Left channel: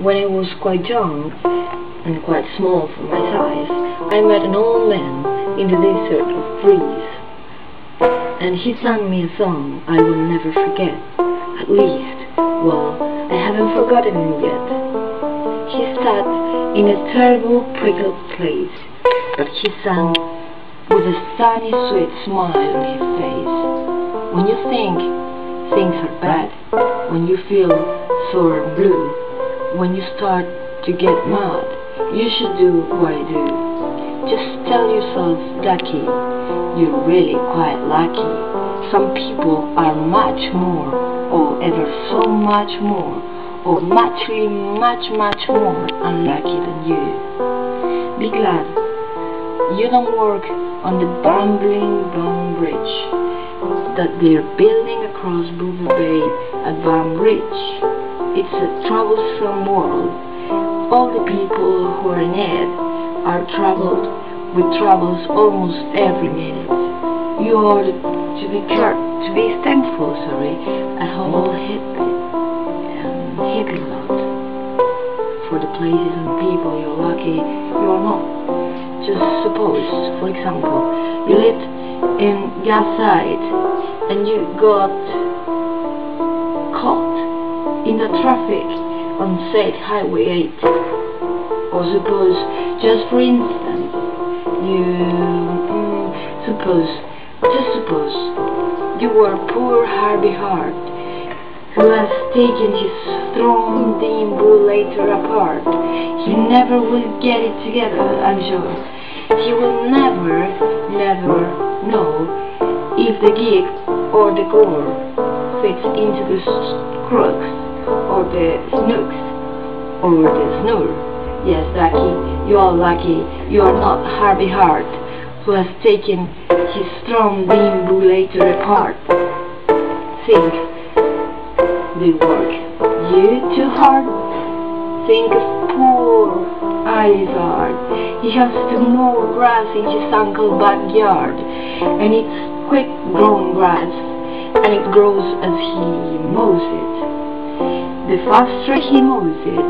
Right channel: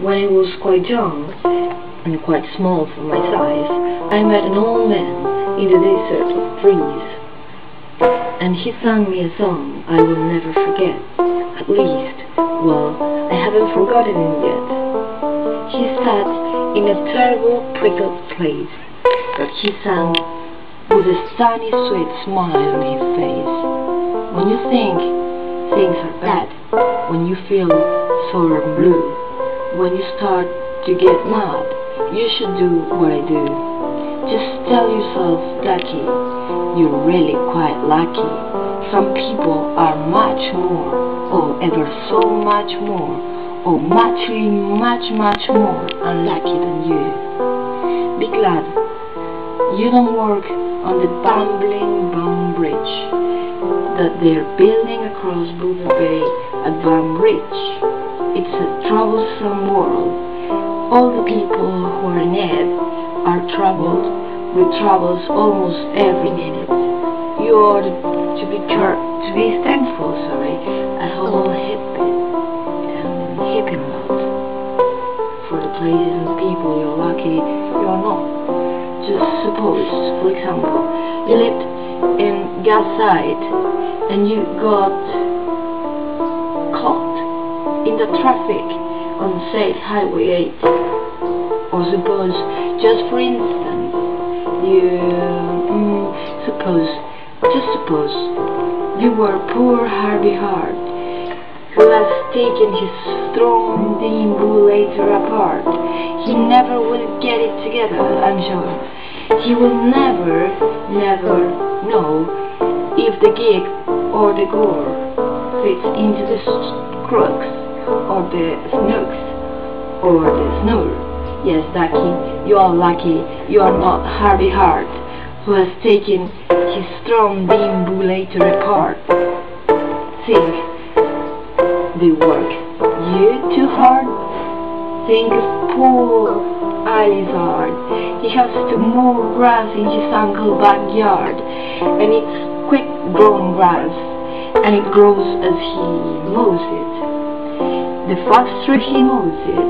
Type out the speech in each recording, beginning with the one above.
When I was quite young and quite small for my size, I met an old man in the desert of trees, and he sang me a song I will never forget. At least, well, I haven't forgotten him yet. He sat in a terrible prickled place, but he sang with a sunny sweet smile on his face. When you think things are bad, when you feel sore and blue, when you start to get mad, you should do what I do. Just tell yourself, lucky, you're really quite lucky. Some people are much more, or ever so much more, or much more unlucky than you. Be glad you don't work on the bumbling Bum Bridge that they're building across Boober Bay at Bum Ridge. It's a troublesome world. All the people who are in it are troubled with troubles almost every minute. You ought to be thankful, a whole heaping lot for the places and people you're lucky you are not. Just suppose, for example, you lived in Gasside and you got caught in the traffic on, say, Highway 8. Or suppose, just for instance, suppose you were poor Harvey Hart, who has taken his throne deambulator apart. He never will get it together, I'm sure. He will never know if the gig or the gore fits into the crooks or the snooks or the snore. Yes, Ducky, you are lucky you are not Harvey Hart, who has taken his strong deambulator apart. Think, do you work you too hard? Think of poor Izard. He has to mow grass in his uncle's backyard, and it's quick-grown grass, and it grows as he mows it. The faster he mows it,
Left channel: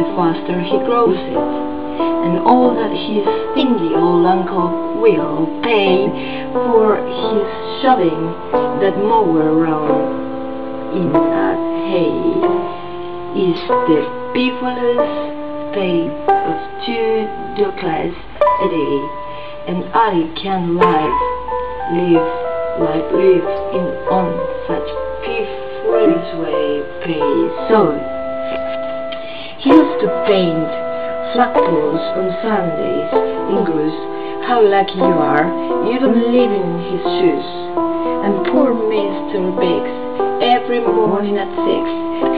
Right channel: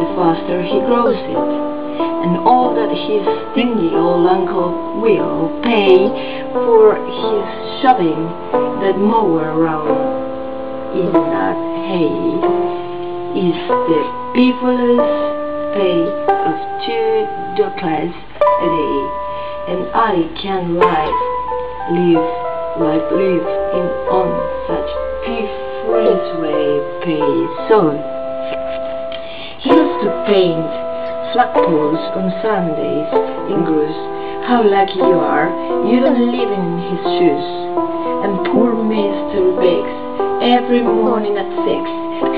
the faster he grows it, and all that his stingy old uncle will pay for his shoving that mower around in that hay is the beefiest pay of $2 a day, and I can live on such beefless way pay. So he used to paint flagpoles on Sundays in Greece. How lucky you are, you don't live in his shoes. And poor Mr. Biggs, every morning at 6,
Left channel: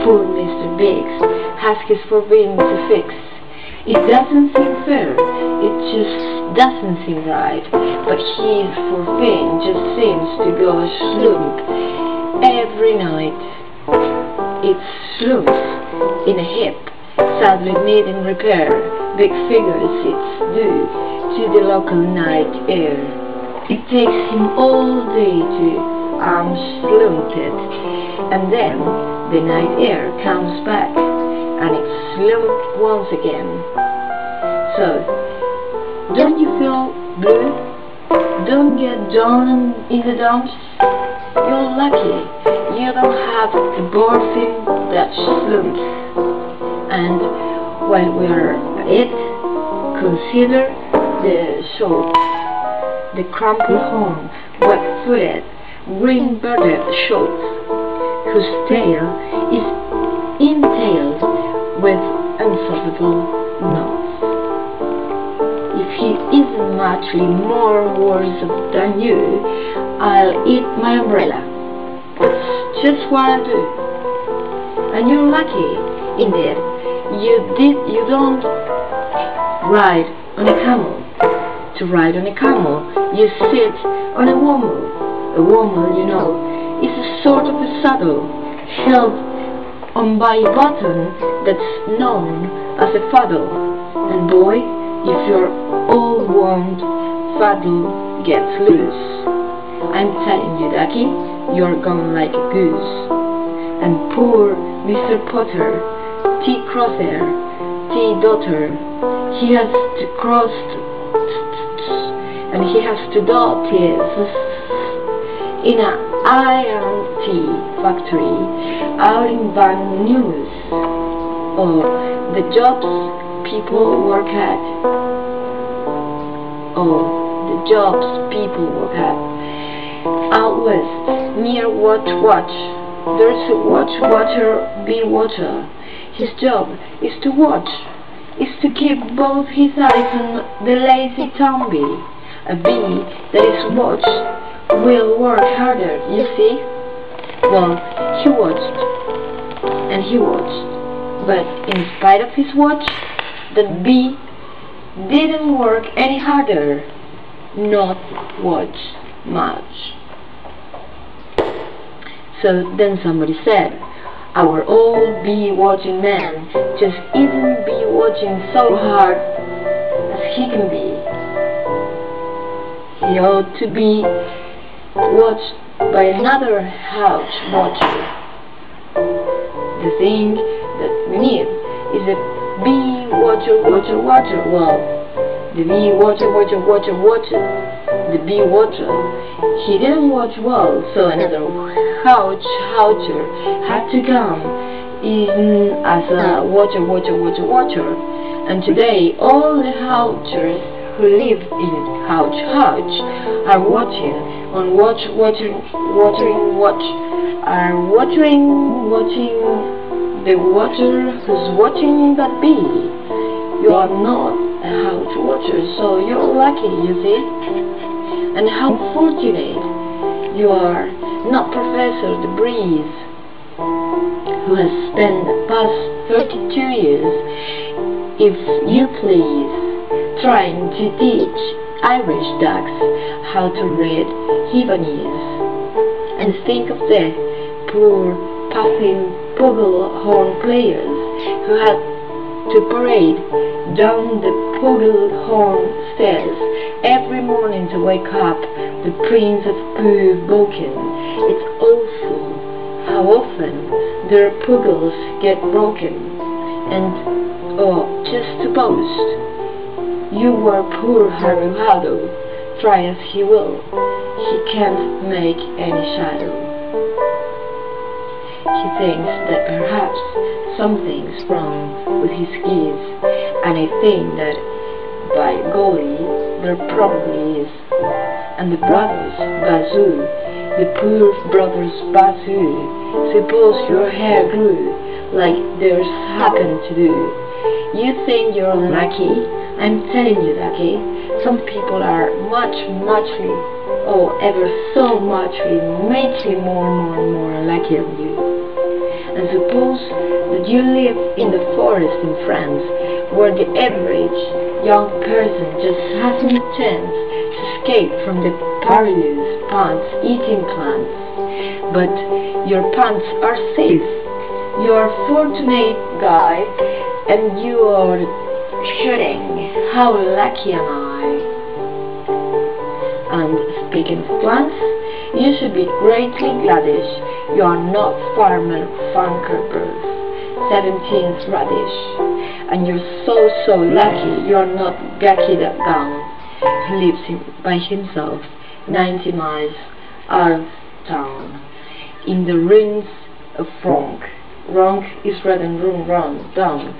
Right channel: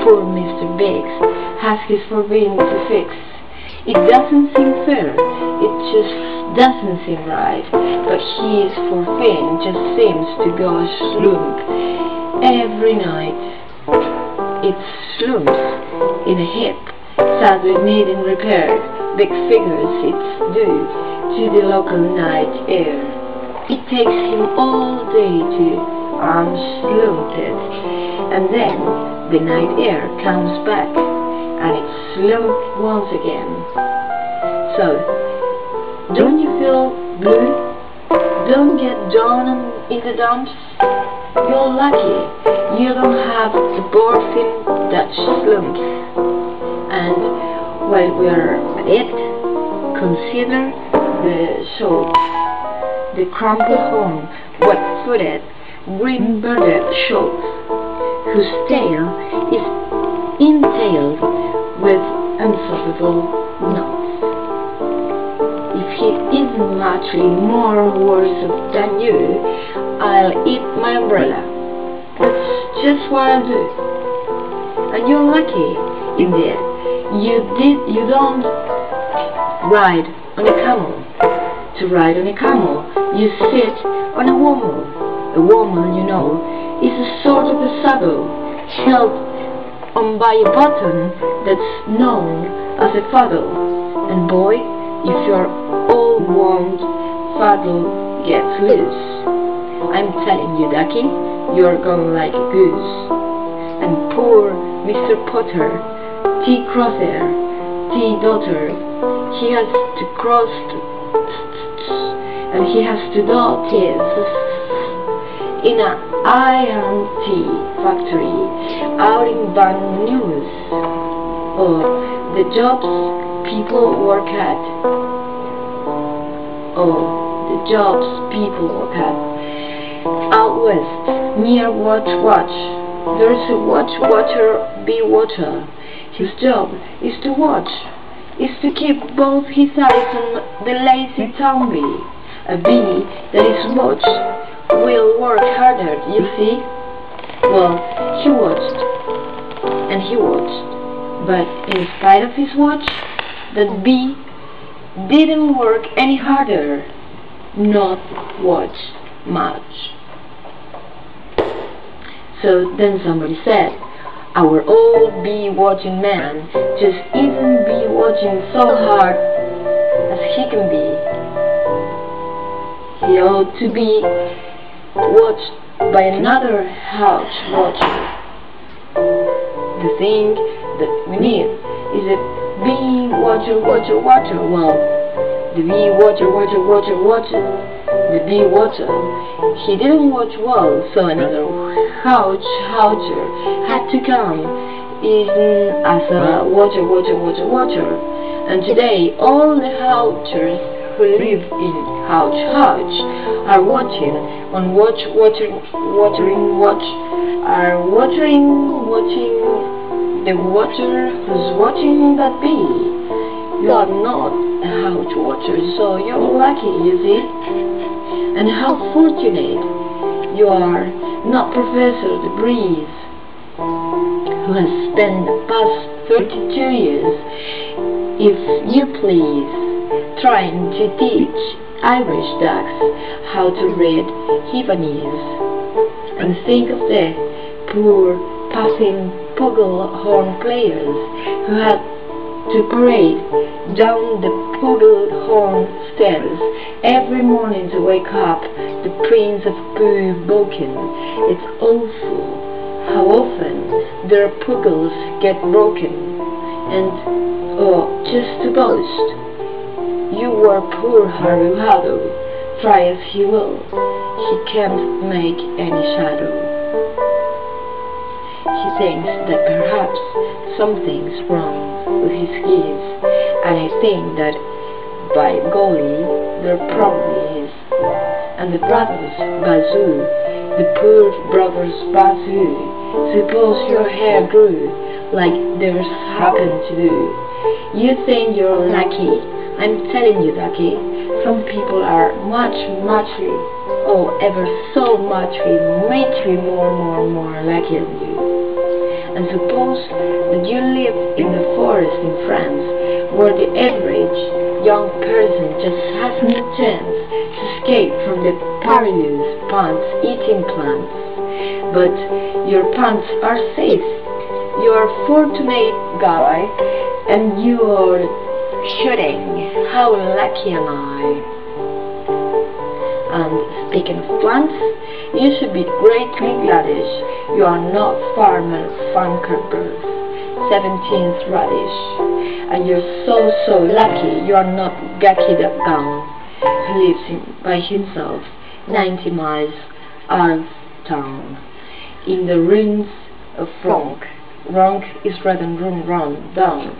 poor Mr. Biggs has his forbidden to fix. It doesn't seem fair, it just doesn't seem right, but his forbidden just seems to go slump every night. It slumps in a heap, sadly needing repair. Big figures it's due to the local night air. It takes him all day to slump it, and then the night air comes back and it's slumped once again. So, don't you feel blue? Don't get down in the dumps. You're lucky you don't have the board thing that slumps. And while we are at it, consider the shorts, the crumple-home, wet-footed, green-birded shorts, whose tail is entailed with unstoppable knots. If he isn't actually more worse than you, I'll eat my umbrella. That's just what I do. And you're lucky, indeed. You don't ride on a camel. To ride on a camel, you sit on a womble. A womble, you know, is a sort of a saddle held on by a button that's known as a faddle. And boy, if your old wound faddle gets loose, I'm telling you, Ducky, you're going like a goose. And poor Mr. Potter T crosshair, T daughter. He has to cross and he has to dot in an iron tea factory out in Van News, or the jobs people work at, out west near watch. There's a water, be water. His job is to watch, is to keep both his eyes on the lazy zombie. A bee that is watched will work harder, you see? Well, he watched, and he watched, but in spite of his watch, that bee didn't work any harder, not watch much. So then somebody said, our old bee watching man just isn't bee watching so hard as he can be. He ought to be watched by another house watcher. The thing that we need is a bee watcher. Well, the bee watcher. The bee watcher. He didn't watch well, so another watcher had to come in as a watcher. And today, all the watchers who live in Houch are watching the watcher who's watching that bee. You are not a Houch watcher, so you're lucky, you see. And how fortunate you are not Professor De Breeze, who has spent the past 32 years, if you please, trying to teach Irish ducks how to read Lebanese. And think of the poor puffing bugle-horn players who had to parade down the bugle-horn stairs every morning to wake up the Prince of Pooh-Boken. It's awful how often their pugles get broken. And, oh, just to boast, you were poor Harry Hado, try as he will, he can't make any shadow. He thinks that perhaps something's wrong with his skis, and I think that, by golly, there probably is. And the brothers Bazoo, the poor brothers Bazoo, suppose your hair grew like theirs happened to do. You think you're lucky? I'm telling you, Ducky, some people are muchly, oh, ever so muchly more lucky than you. And suppose that you live in the forest in France, where the average young person just hasn't a chance to escape from the perilous pants-eating plants. But your pants are safe. You are a fortunate guy, and you are shooting. How lucky am I? And speaking of plants, you should be greatly gladish. You are not Farmer Funkerberg, 17th radish. And you're so lucky you are not Gaki the Gown, who lives by himself 90 miles out of town, in the ruins of Ronk. Ronk is red and run down.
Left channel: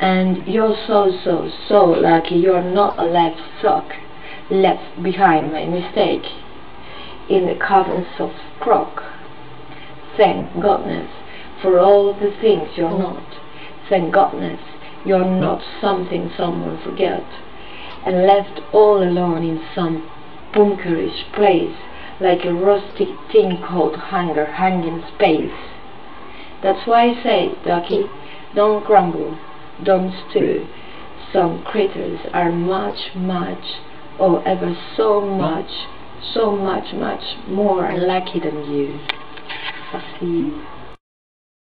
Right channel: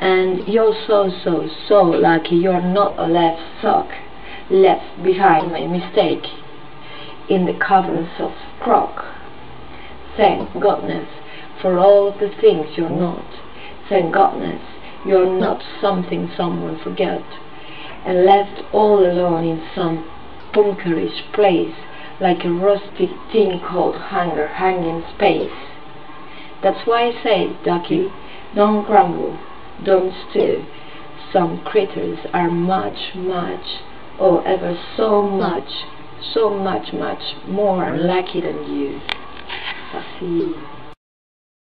And you're so lucky you're not a left sock left behind by mistake in the caverns of Croc. Thank goodness for all the things you're not. Thank goodness you're not something someone forget and left all alone in some bunkerish place like a rusty thing called hunger hanging space. That's why I say, Ducky, don't grumble. Don't stew. Some critters are much, or ever so much more lucky than you. I'll see you.